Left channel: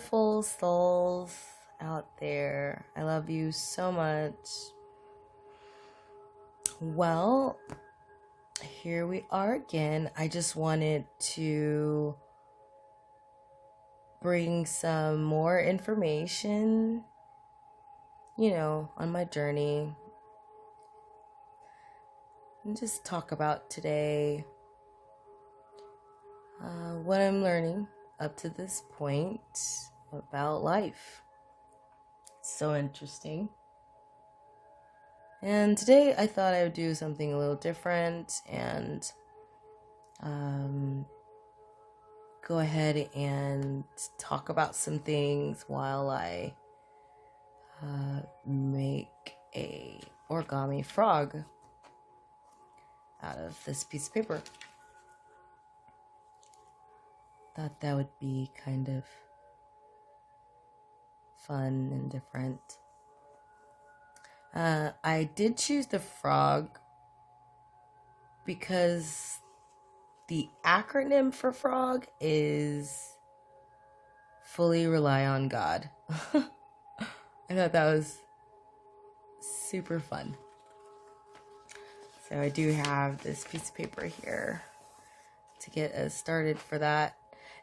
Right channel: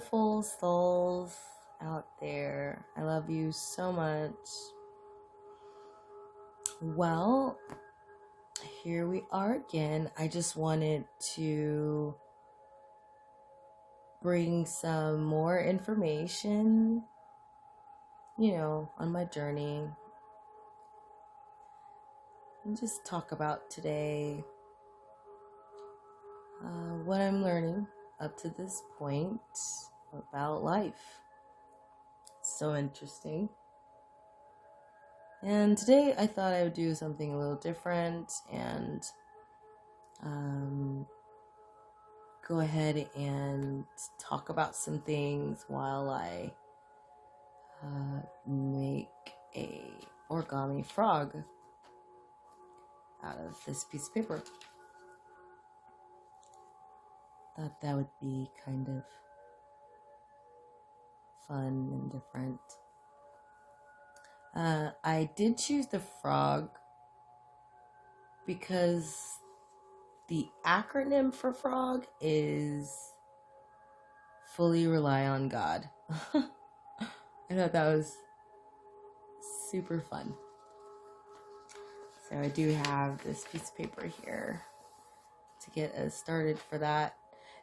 beautiful souls out there. I love you so much. Well, here we are again. I just wanted to bring some more information, on my journey. And just talk about today what I'm learning up to this point about life. So interesting. And today I thought I would do something a little different and go ahead and talk about some things while I make a origami frog out of this piece of paper. Thought that would be kind of fun and different. I did choose the frog because the acronym for frog is fully rely on God. I thought that was super fun. So I do have this piece of paper here to get us started for that.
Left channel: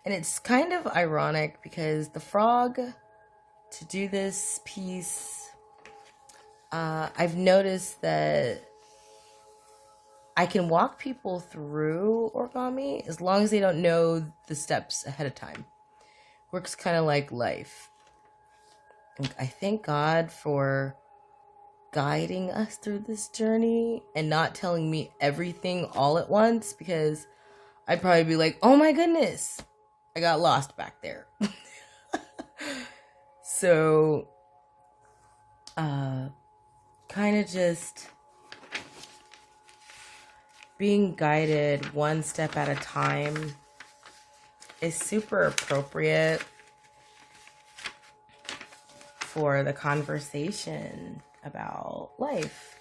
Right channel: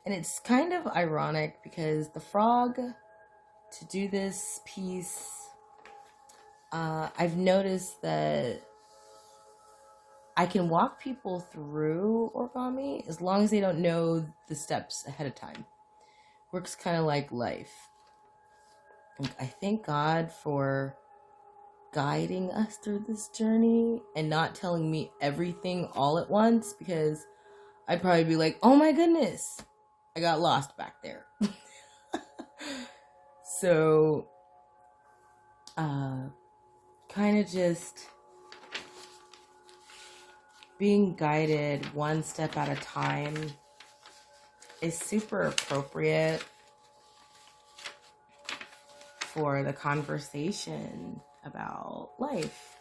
And it's kind of ironic because the frog, to do this piece, I've noticed that I can walk people through origami as long as they don't know the steps ahead of time. Works kind of like life. And I thank God for guiding us through this journey and not telling me everything all at once, because I'd probably be like, oh my goodness, I got lost back there. So, kind of just being guided one step at a time is super appropriate for the conversation about life.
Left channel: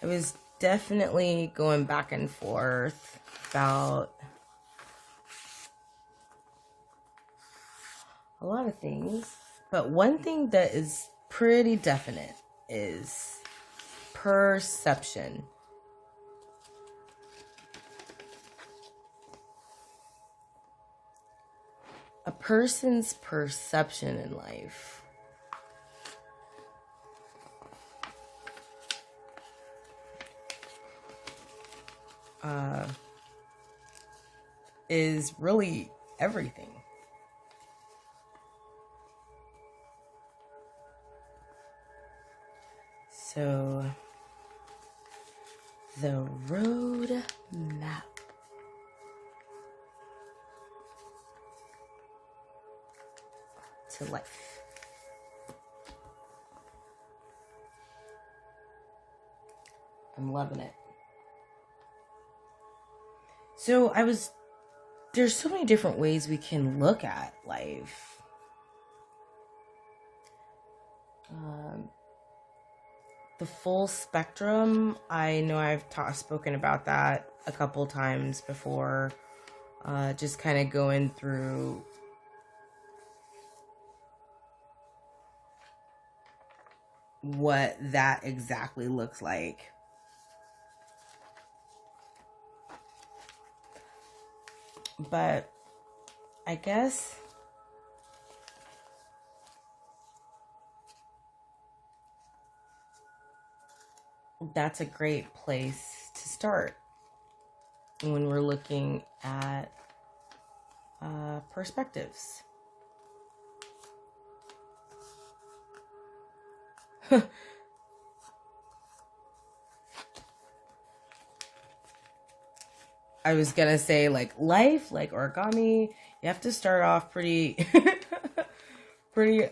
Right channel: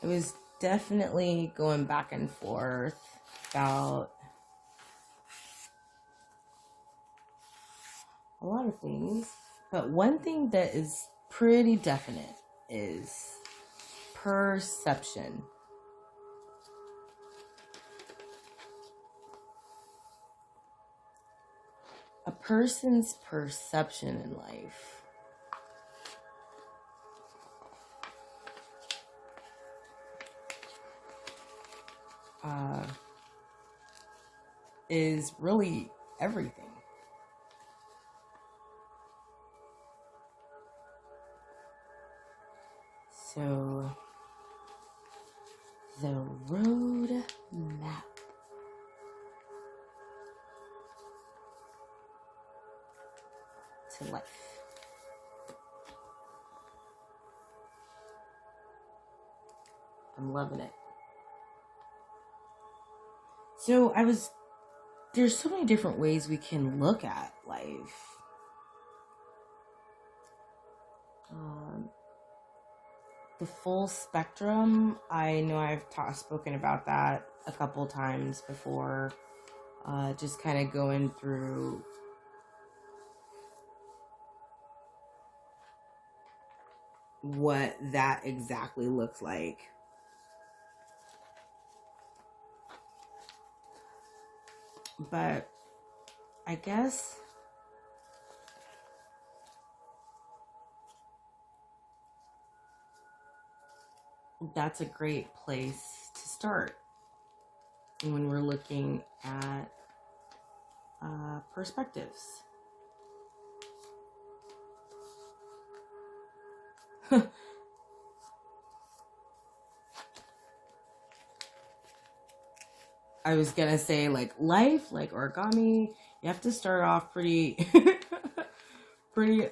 I was definitely going back and forth about a lot of things, but one thing that is pretty definite is perception. A person's perception in life is really everything. So, the road map. To life. I'm loving it. So there's so many different ways we can look at life. The full spectrum, I know I've spoken about that a couple times before, just kind of going through what that exactly looks like. But I guess that's a great place to start when we're looking at perspectives. I was gonna say, like life, like origami, you have to start off pretty, pretty,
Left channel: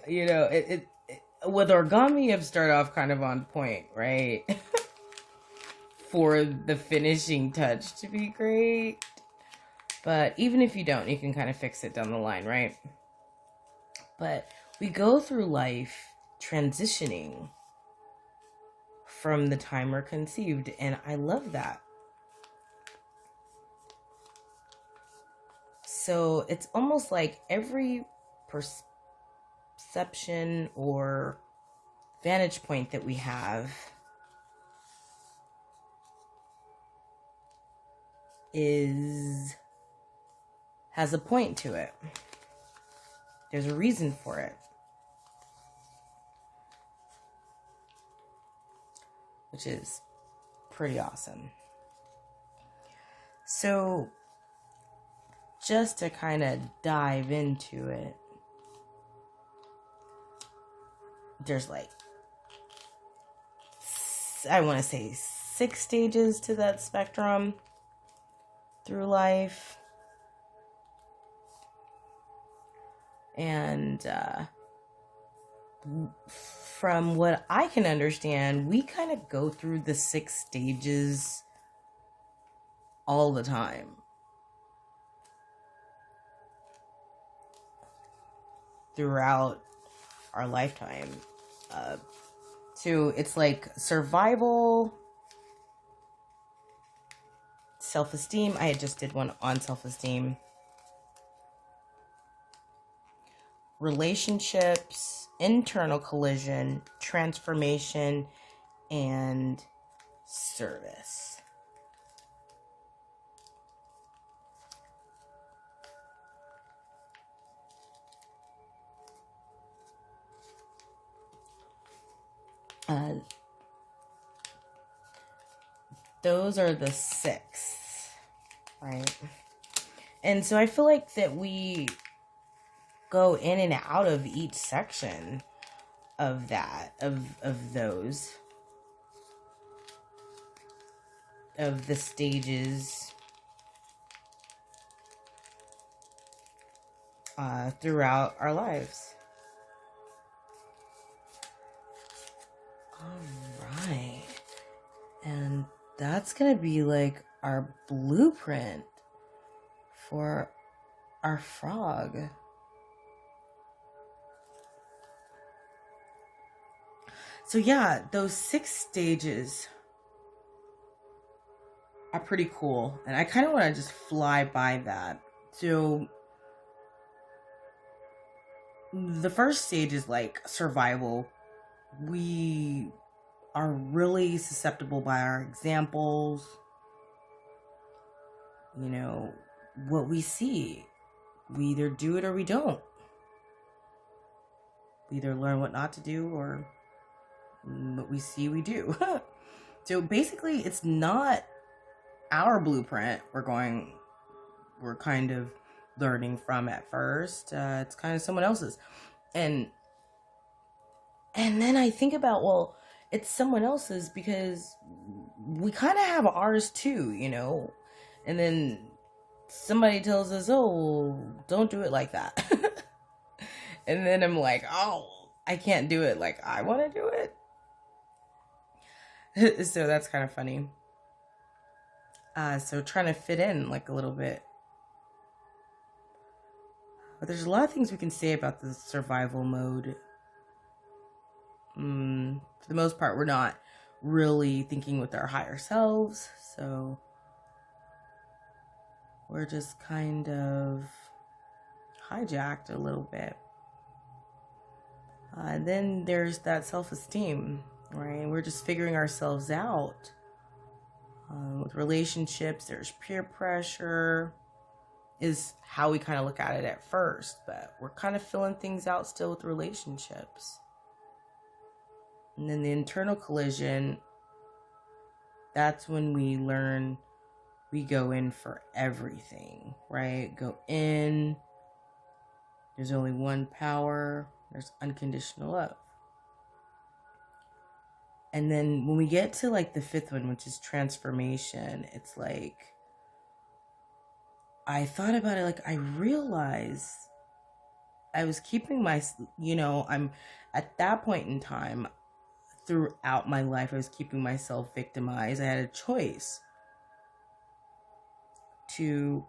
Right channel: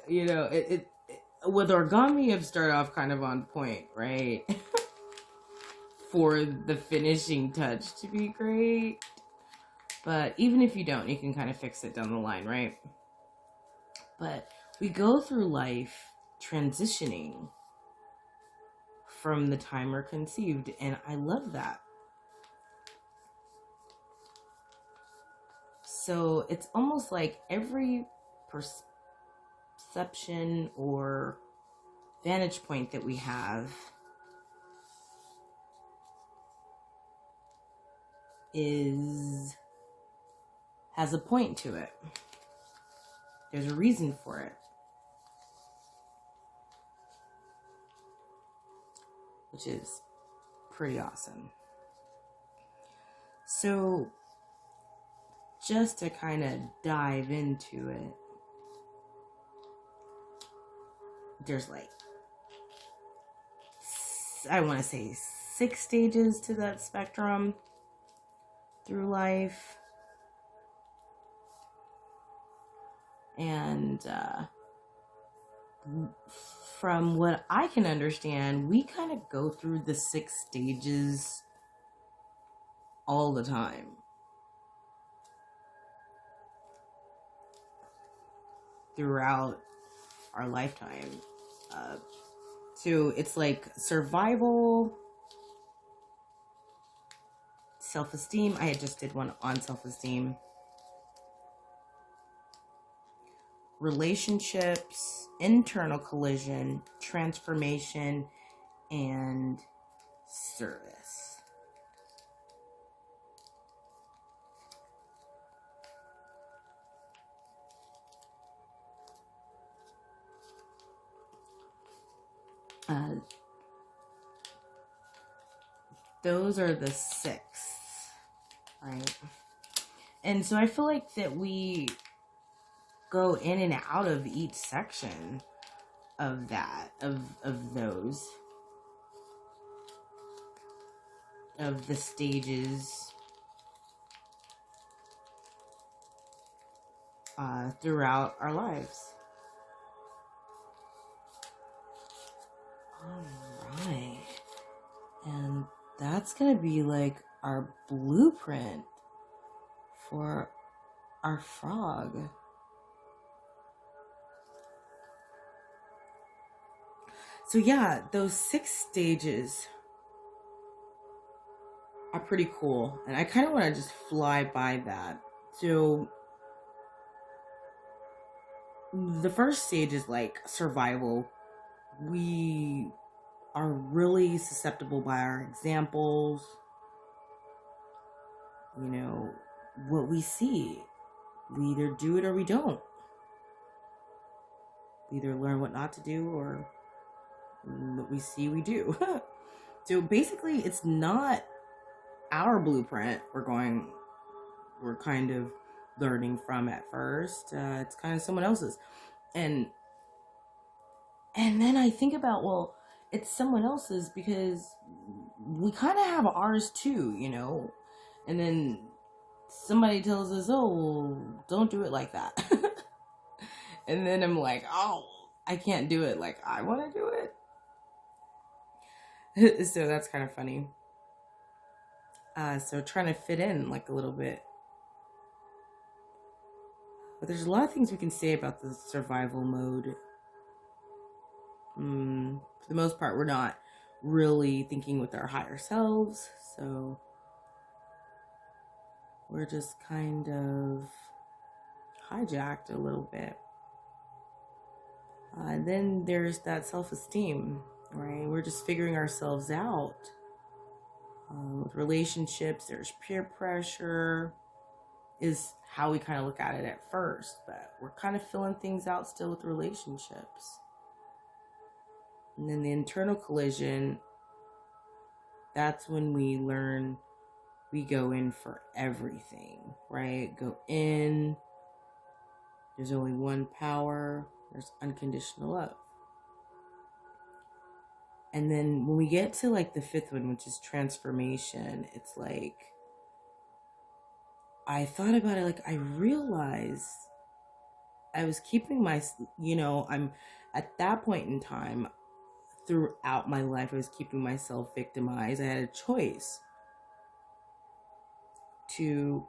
with origami, you have to start off kind of on point, right? For the finishing touch to be great. But even if you don't, you can kind of fix it down the line, right? But we go through life transitioning from the time we're conceived, and I love that. So it's almost like every perception or vantage point that we have has a point to it. There's a reason for it. Which is pretty awesome. So, just to kind of dive into it, there's like, I want to say 6 stages to that spectrum through life. And from what I can understand, we kind of go through the 6 stages all the time. Throughout our lifetime. So it's like survival, self-esteem. I just did one on self-esteem. Relationships, internal collision, transformation, and service. Those are the 6, right? And so I feel like that we go in and out of each section of that, of those, of the stages throughout our lives. All right. And that's going to be like our blueprint for our frog. So yeah, those 6 stages are pretty cool. And I kind of want to just fly by that. So the first stage is like survival. We are really susceptible by our examples, you know, what we see. We either do it or we don't. We either learn what not to do or what we see we do. So basically it's not our blueprint we're kind of learning from at first. It's kind of someone else's. And then I think about, well, it's someone else's because we kind of have ours too, you know? And then somebody tells us, oh, don't do it like that. And then I'm like, oh, I can't do it like I want to do it. So that's kind of funny. So trying to fit in like a little bit. But there's a lot of things we can say about the survival mode. For the most part, we're not really thinking with our higher selves. So we're just kind of hijacked a little bit. Then there's that self-esteem, right? We're just figuring ourselves out. With relationships, there's peer pressure, is how we kind of look at it at first. But we're kind of filling things out still with relationships. And then the internal collision, that's when we learn we go in for everything, right? Go in. There's only one power. There's unconditional love. And then when we get to like the 5th one, which is transformation, it's like, I thought about it, like I realized I was keeping I'm at that point in time, throughout my life, I was keeping myself victimized. I had a choice to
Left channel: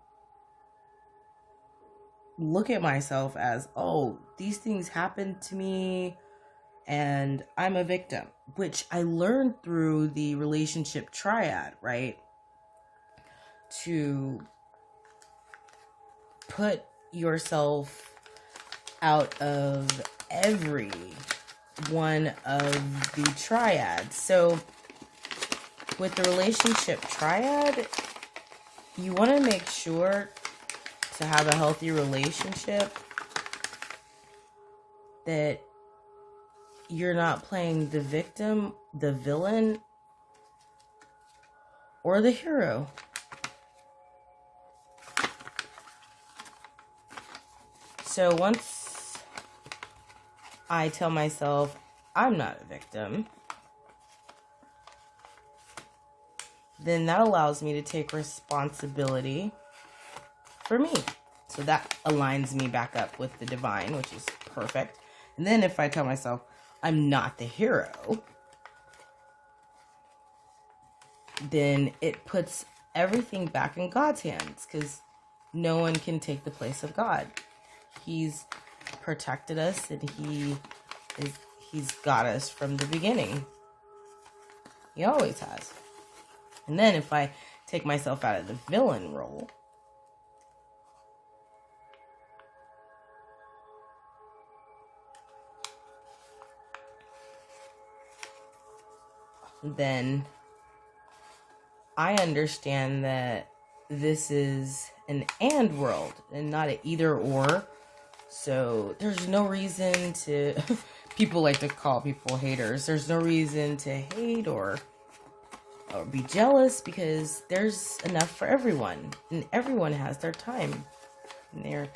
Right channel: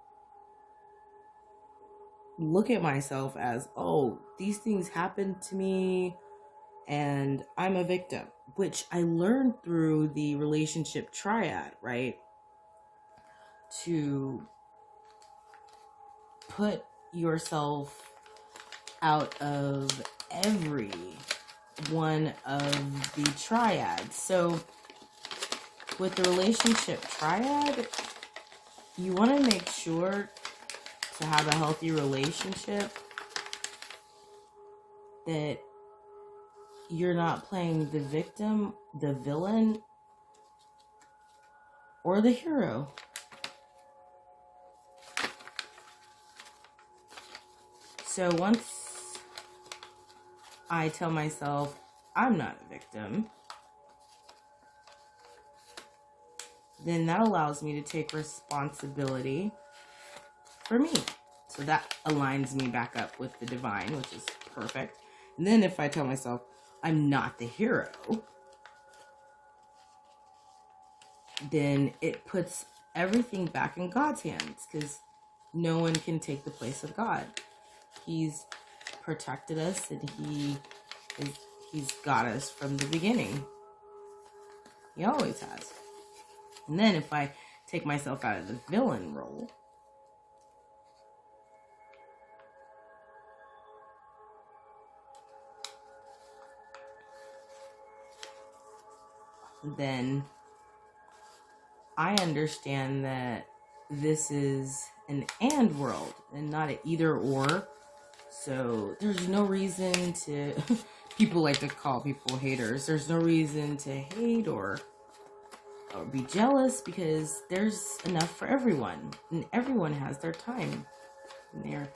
look at myself as, oh, these things happened to me and I'm a victim, which I learned through the relationship triad, right? To put yourself out of every one of the triads. So with the relationship triad, you want to make sure to have a healthy relationship that you're not playing the victim, the villain, or the hero. So once I tell myself I'm not a victim, then that allows me to take responsibility for me. So that aligns me back up with the divine, which is perfect. And then if I tell myself I'm not the hero, then it puts everything back in God's hands, because no one can take the place of God. He's protected us, and he's got us from the beginning. He always has. And then if I take myself out of the villain role, then I understand that this is an and world and not an either or. So there's no reason to, people like to call people haters. There's no reason to hate or be jealous, because there's enough for everyone, and everyone has their time and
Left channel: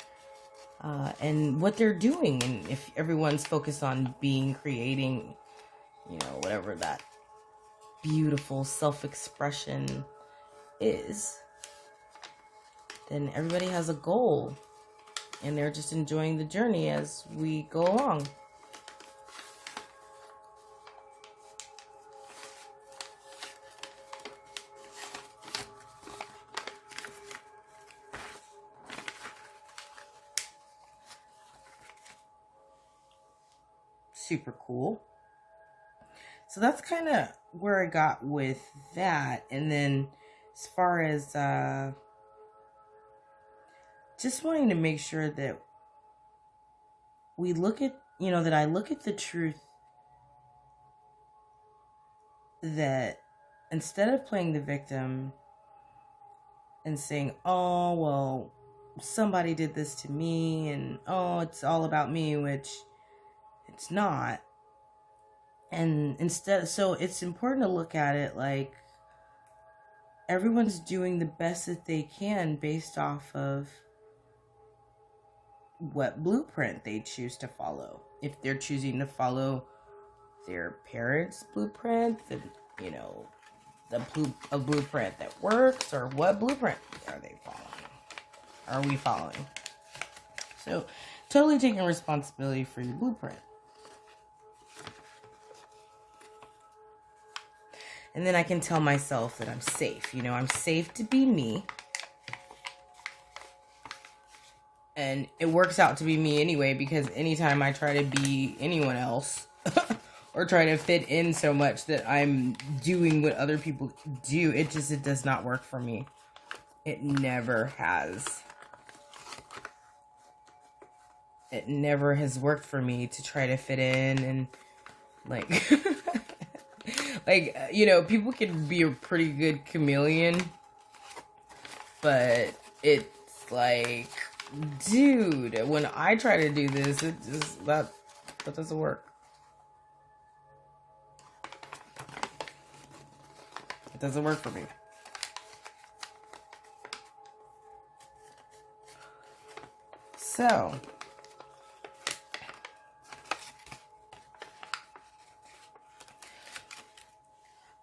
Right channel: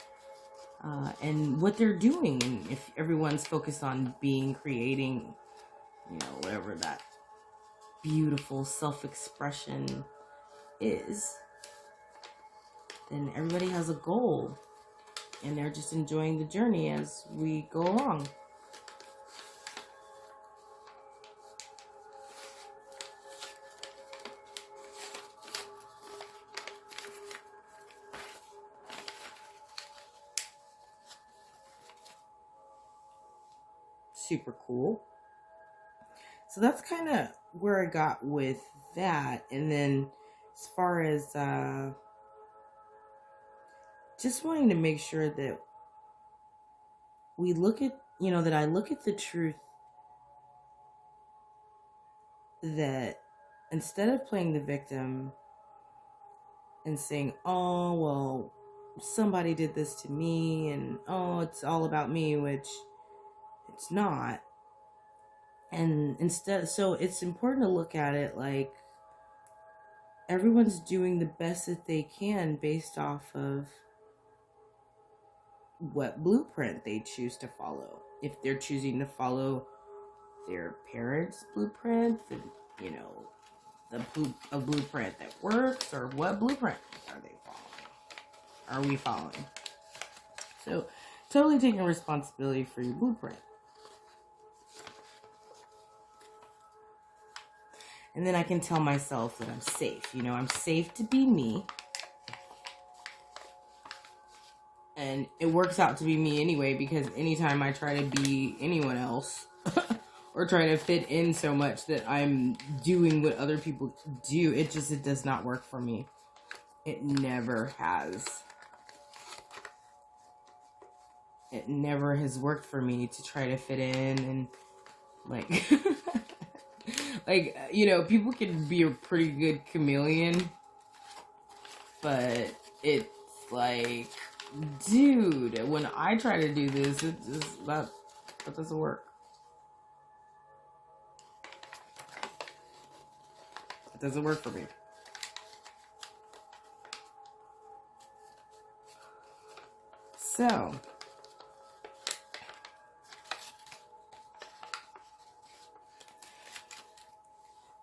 and what they're doing. And if everyone's focused on being, creating, whatever that beautiful self-expression is, then everybody has a goal, and they're just enjoying the journey as we go along. Super cool. So that's kind of where I got with that. And then as far as just wanting to make sure that we look at, that I look at the truth, that instead of playing the victim and saying, oh, well, somebody did this to me, and oh, it's all about me, which it's not. And instead, so it's important to look at it like everyone's doing the best that they can based off of what blueprint they choose to follow. If they're choosing to follow their parents' blueprint, then, a blueprint that works, or what blueprint are they following? Are we following? So, totally taking responsibility for your blueprint. And then I can tell myself that I'm safe. I'm safe to be me. And it works out to be me anyway, because anytime I try to be anyone else or try to fit in so much that I'm doing what other people do, it does not work for me. It never has. It never has worked for me to try to fit in and people can be a pretty good chameleon, but it's like, dude, when I try to do this, that doesn't work. It doesn't work for me. So,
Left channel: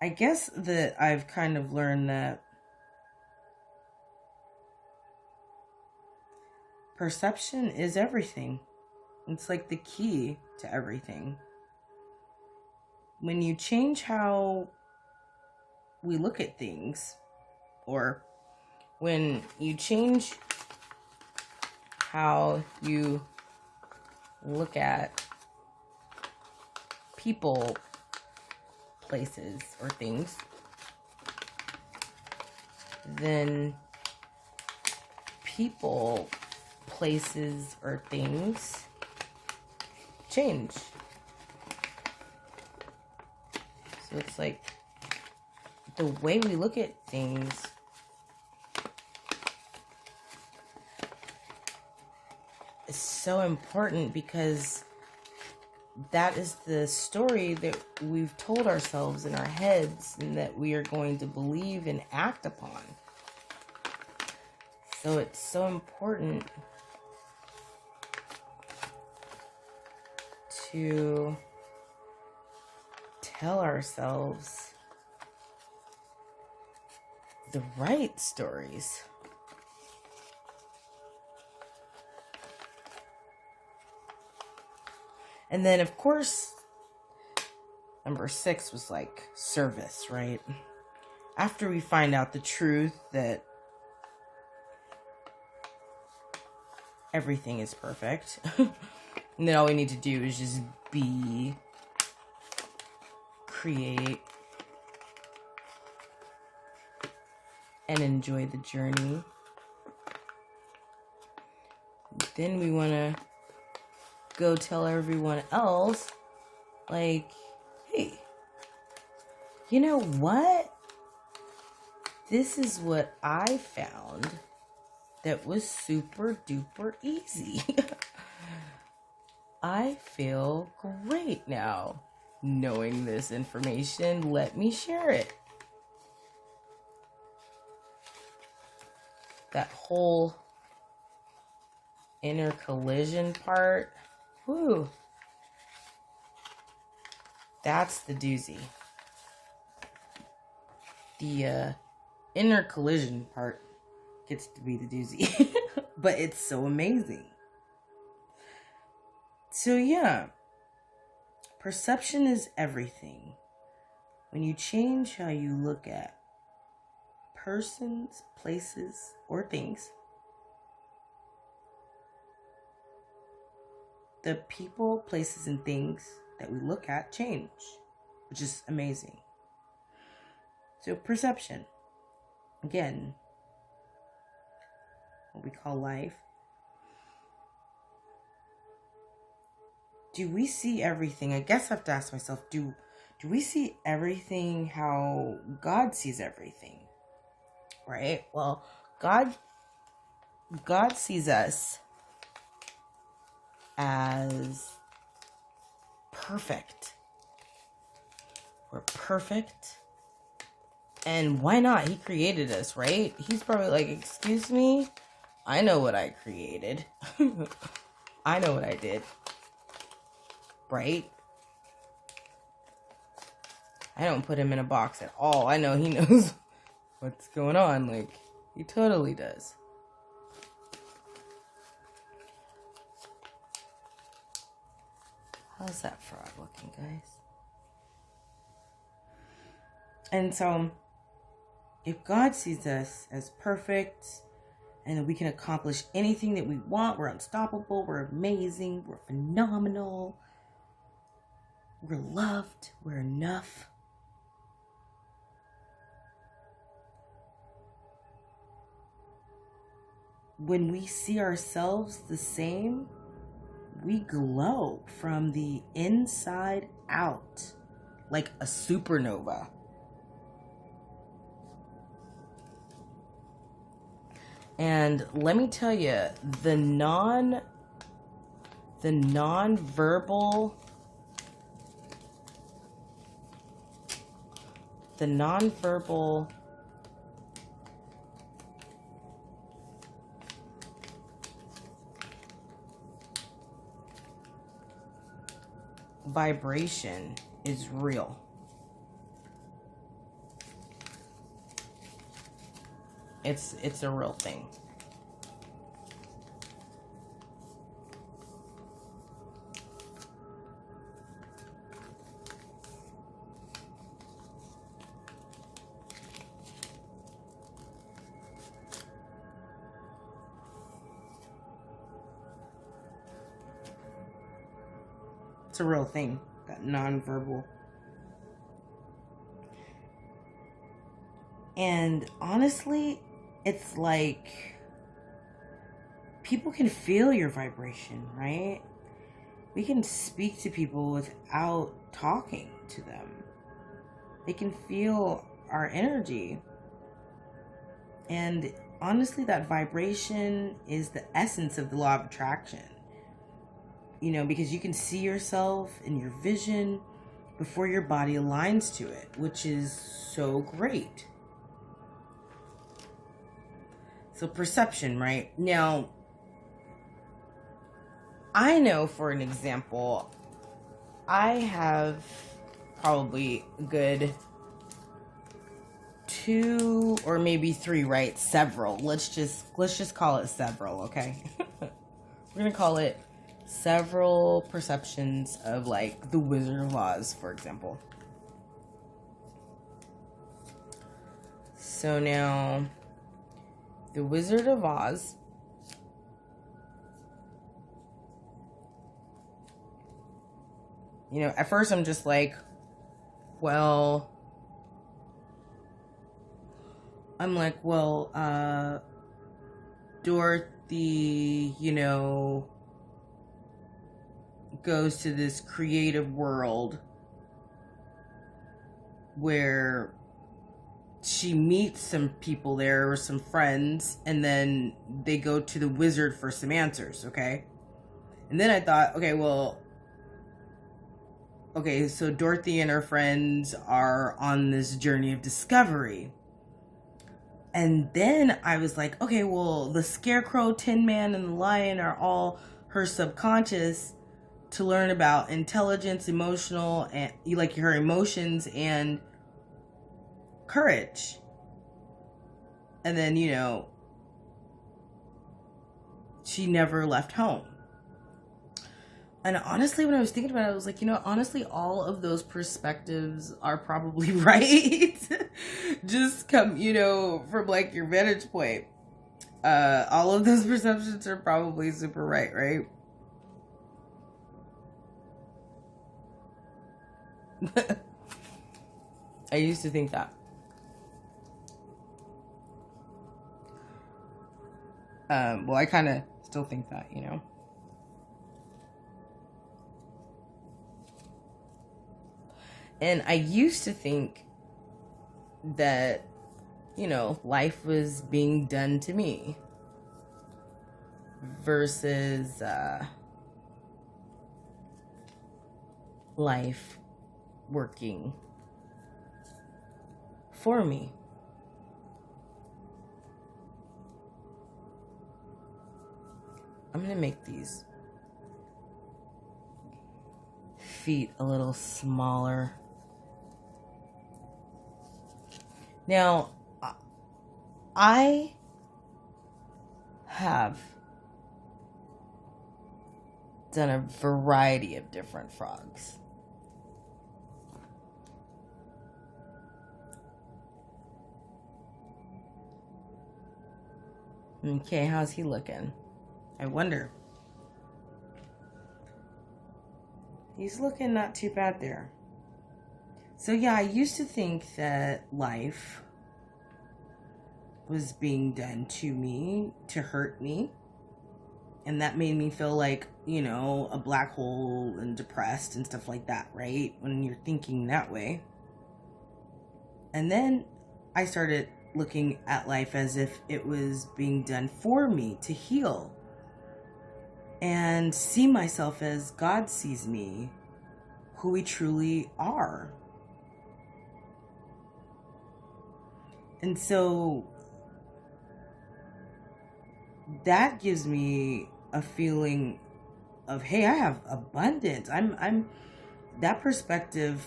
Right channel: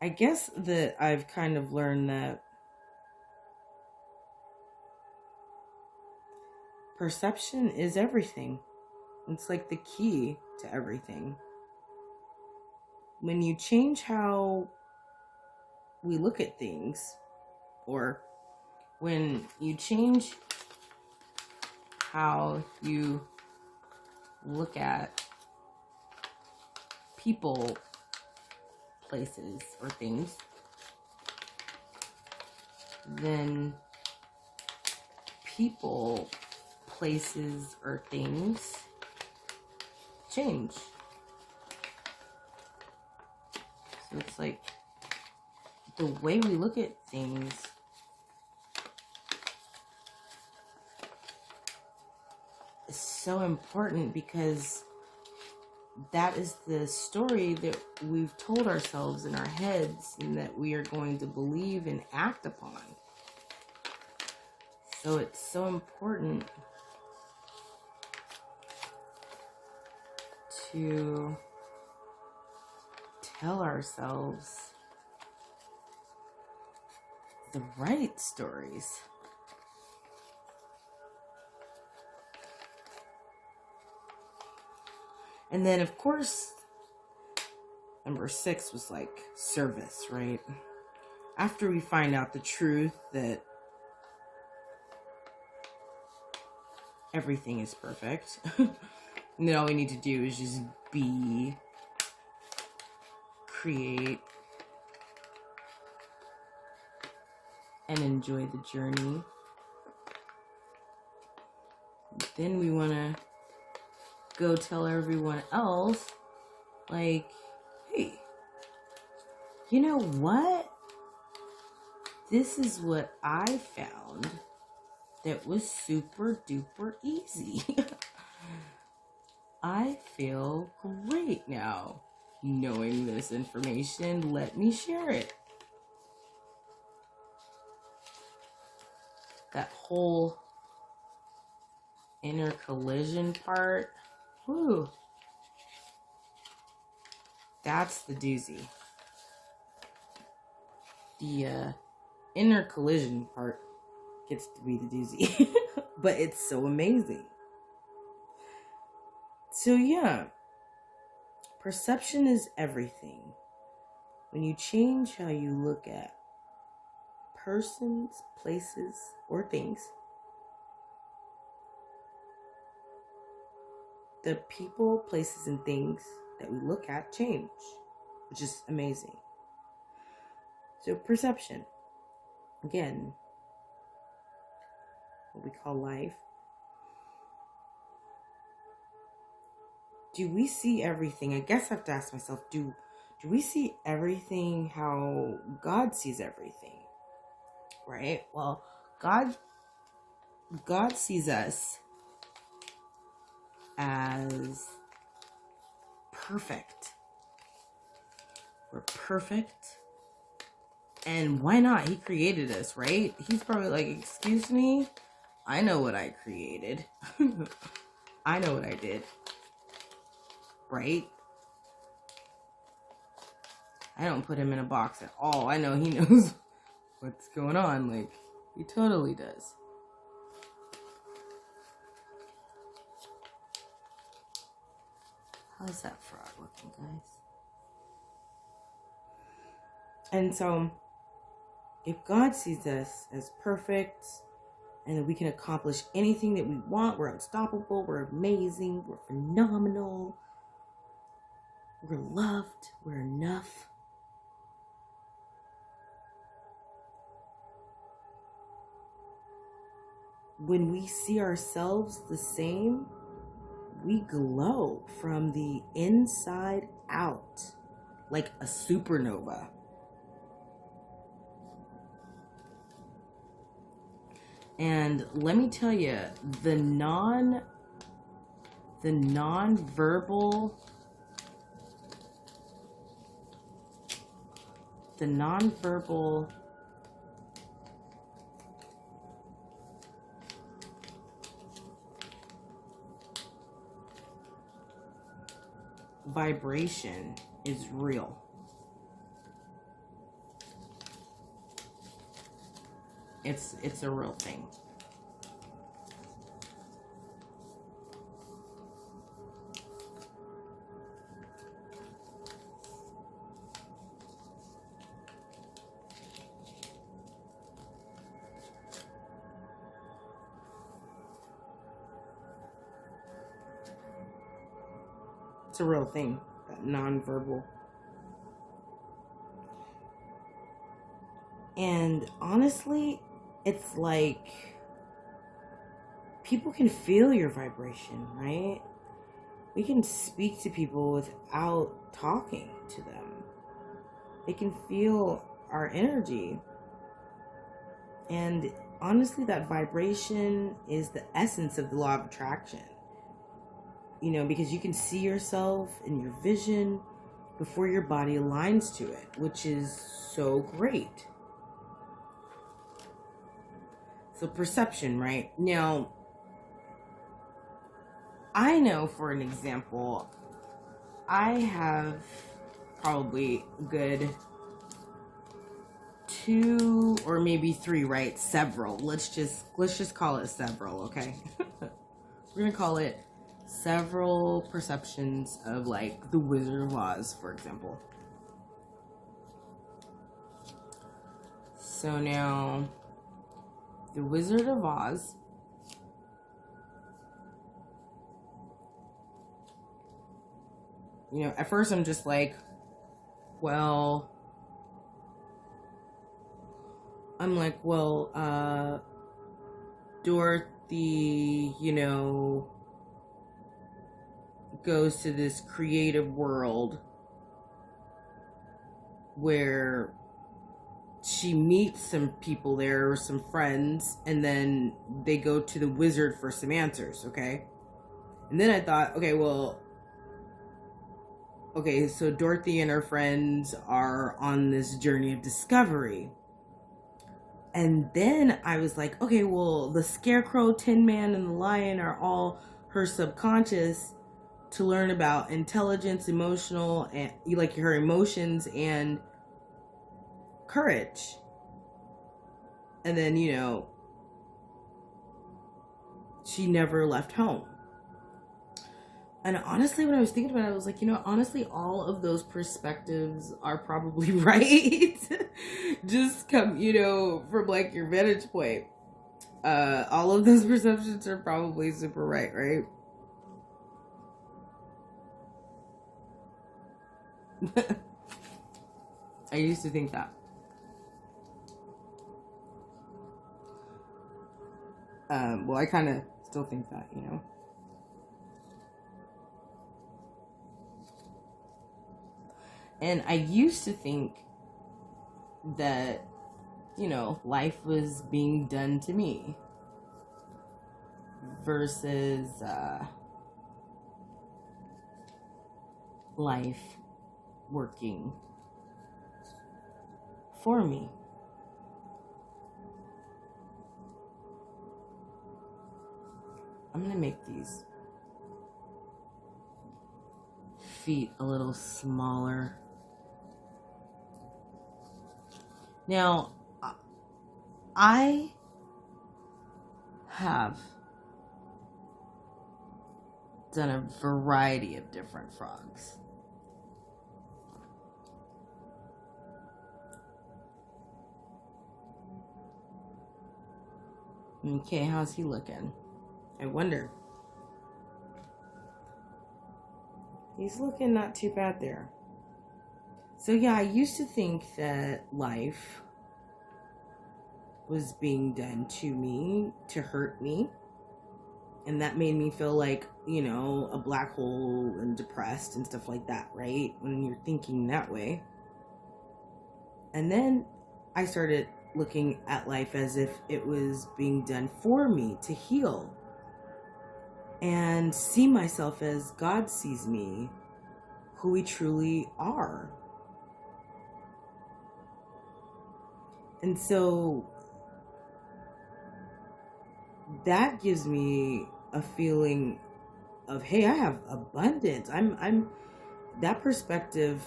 I guess that I've kind of learned that perception is everything. It's like the key to everything. When you change how we look at things, or when you change how you look at people, places, or things, then people places, or things change. So it's like the way we look at things is so important, because that is the story that we've told ourselves in our heads and that we are going to believe and act upon. So it's so important to tell ourselves the right stories. And then, of course, number 6 was like service, right? After we find out the truth that everything is perfect, and then all we need to do is just be, create, and enjoy the journey. Then we want to go tell everyone else, like, hey, you know what? This is what I found that was super duper easy. I feel great now knowing this information. Let me share it. That whole inner collision part, whew, that's the doozy. The inner collision part gets to be the doozy. But it's so amazing. So yeah, perception is everything. When you change how you look at persons, places, or things, the people, places, and things that we look at change, which is amazing. So perception, again, what we call life. Do we see everything? I guess I have to ask myself, do we see everything how God sees everything? Right? Well, God sees us as perfect. We're perfect. And why not? He created us, right? He's probably like, excuse me? I know what I created. I know what I did. Right? I don't put him in a box at all. I know he knows what's going on. Like, he totally does. How's that frog looking, guys? And so, if God sees us as perfect and that we can accomplish anything that we want, we're unstoppable, we're amazing, we're phenomenal, we're loved, we're enough. When we see ourselves the same, we glow from the inside out like a supernova. And let me tell you, the non-verbal vibration is real. It's a real thing. It's a real thing, that nonverbal. And honestly, it's like people can feel your vibration, right? We can speak to people without talking to them. They can feel our energy. And honestly, that vibration is the essence of the law of attraction. You know, because you can see yourself in your vision before your body aligns to it, which is so great. So perception, right? Now, I know, for an example, I have probably a good 2 or maybe 3, right? Several. Let's just call it several, okay? We're gonna call it several perceptions of, like, the Wizard of Oz, for example. So now, the Wizard of Oz, you know, at first I'm just like, well, Dorothy, you know, goes to this creative world where she meets some people there, or some friends, and then they go to the wizard for some answers, okay? And then I thought, okay, so Dorothy and her friends are on this journey of discovery. And then I was like, okay, well, the Scarecrow, Tin Man, and the Lion are all her subconscious to learn about intelligence, emotional, and like her emotions and courage. And then, you know, she never left home. And honestly, when I was thinking about it, I was like, you know, honestly, all of those perspectives are probably right. Just come, you know, from like your vantage point. All of those perceptions are probably super right? I used to think that. Well, I kind of still think that, you know. And I used to think that, you know, life was being done to me versus life working for me. I'm going to make these feet a little smaller. Now, I have done a variety of different frogs. Okay, how's he looking? I wonder. He's looking not too bad there. So yeah, I used to think that life was being done to me to hurt me. And that made me feel like, you know, a black hole and depressed and stuff like that, right? When you're thinking that way. And then I started looking at life as if it was being done for me to heal. And see myself as God sees me, who we truly are. And so that gives me a feeling of, hey, I have abundance. I'm that perspective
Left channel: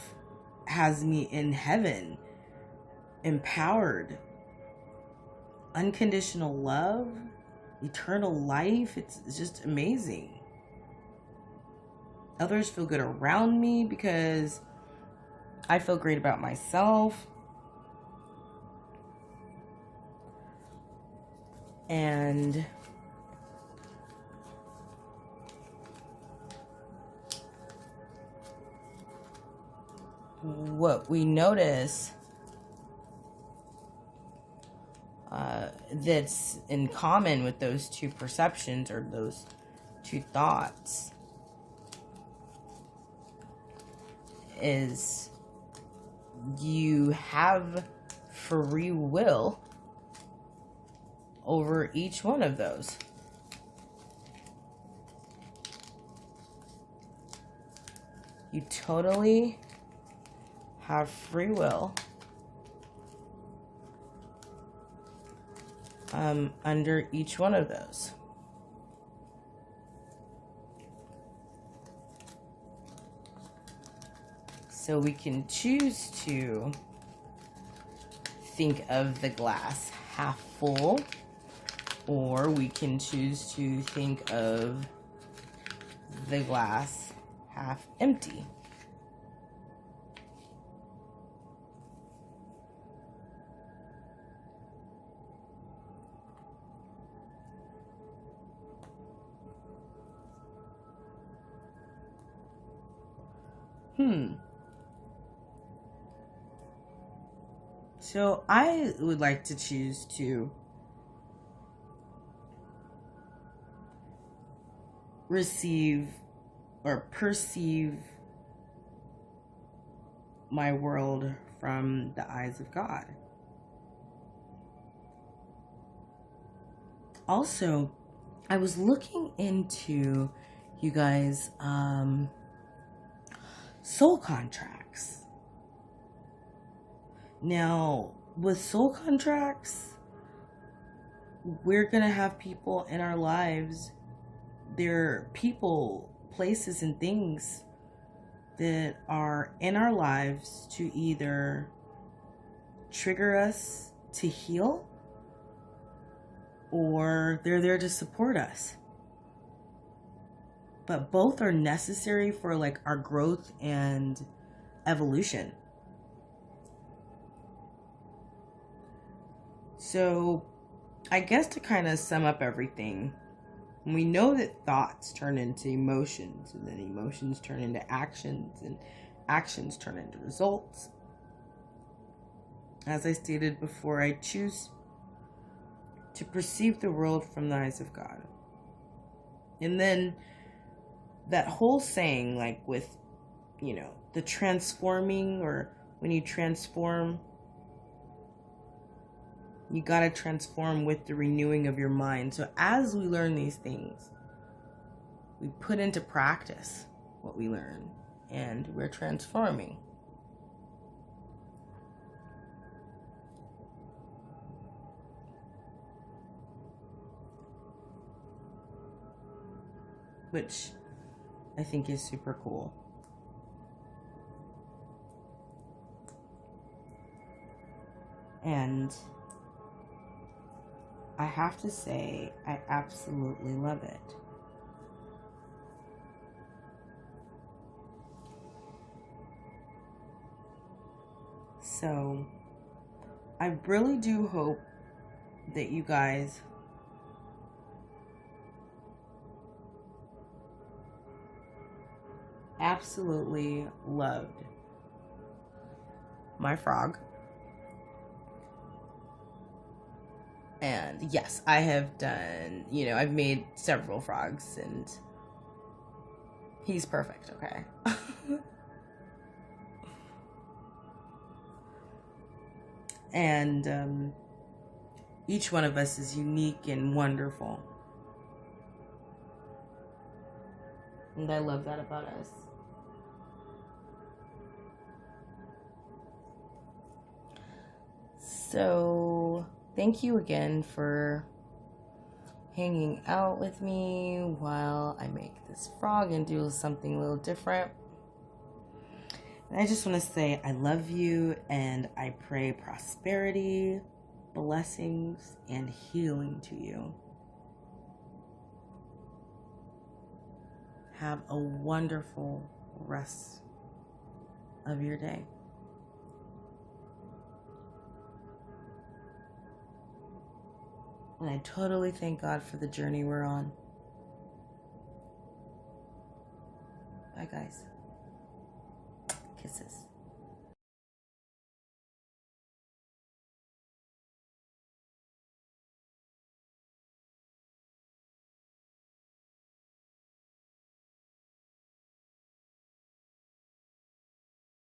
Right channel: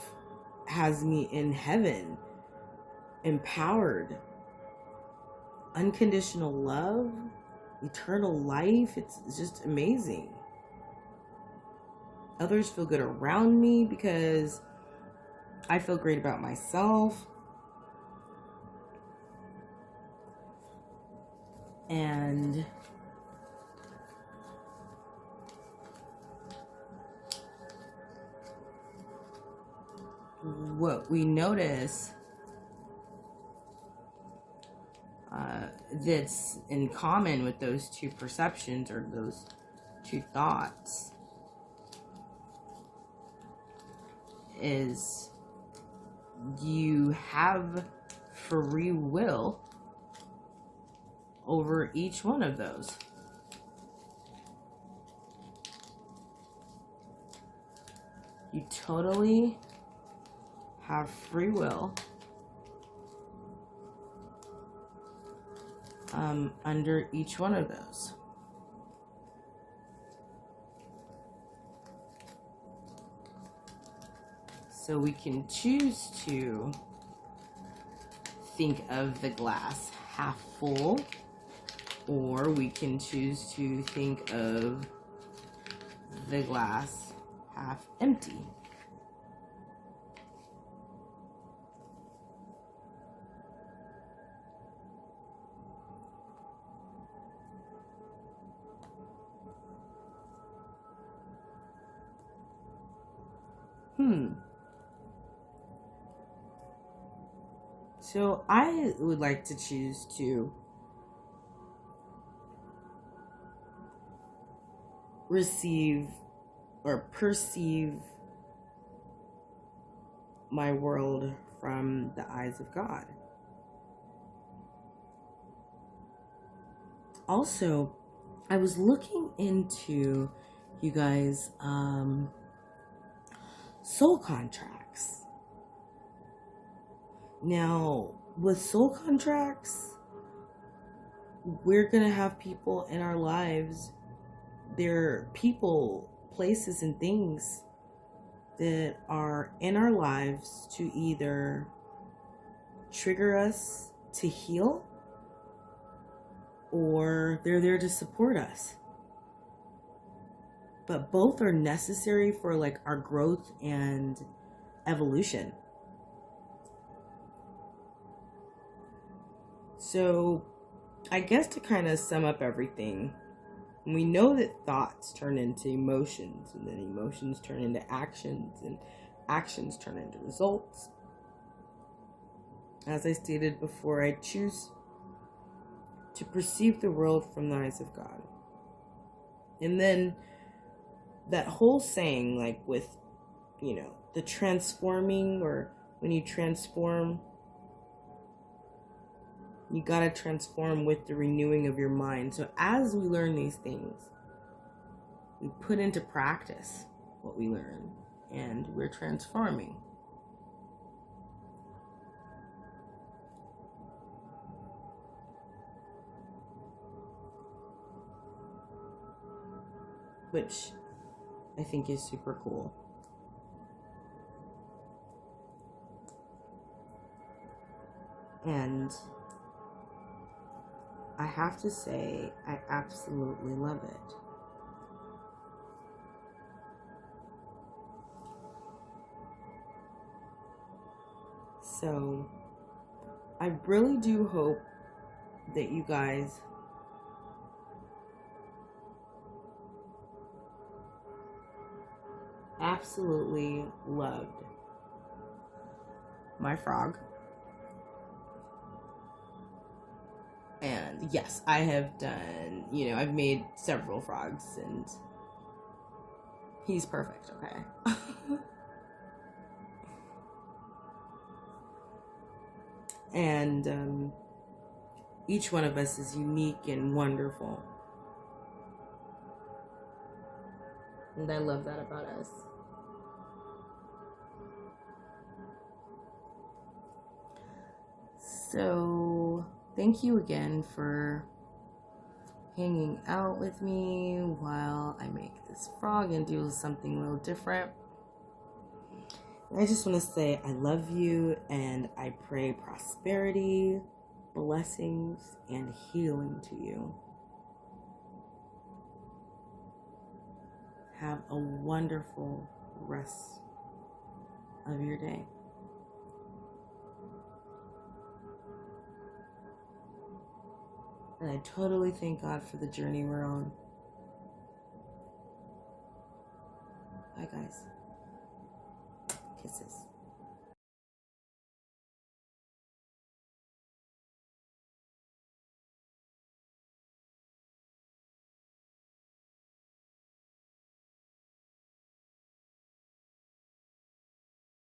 has me in heaven, empowered, unconditional love, eternal life. It's just amazing. Others feel good around me because I feel great about myself. And what we notice that's in common with those two perceptions or those two thoughts is you have free will over each one of those. You totally have free will under each one of those. So we can choose to think of the glass half full, or we can choose to think of the glass half empty. So I would like to choose to receive or perceive my world from the eyes of God. Also, I was looking into, you guys, soul contracts. Now, with soul contracts, we're going to have people in our lives. They're people, places, and things that are in our lives to either trigger us to heal, or they're there to support us. But both are necessary for like our growth and evolution. So I guess to kind of sum up everything, we know that thoughts turn into emotions, and then emotions turn into actions, and actions turn into results. As I stated before, I choose to perceive the world from the eyes of God. And then that whole saying, like with, the transforming, or when you transform, you gotta transform with the renewing of your mind. So as we learn these things, we put into practice what we learn, and we're transforming. Which I think is super cool. And I have to say, I absolutely love it. So, I really do hope that you guys absolutely loved my frog. And yes, I have done, I've made several frogs, and he's perfect, okay? And each one of us is unique and wonderful. And I love that about us. So, thank you again for hanging out with me while I make this frog and do something a little different. And I just want to say I love you, and I pray prosperity, blessings, and healing to you. Have a wonderful rest of your day. And I totally thank God for the journey we're on. Bye, guys. Kisses.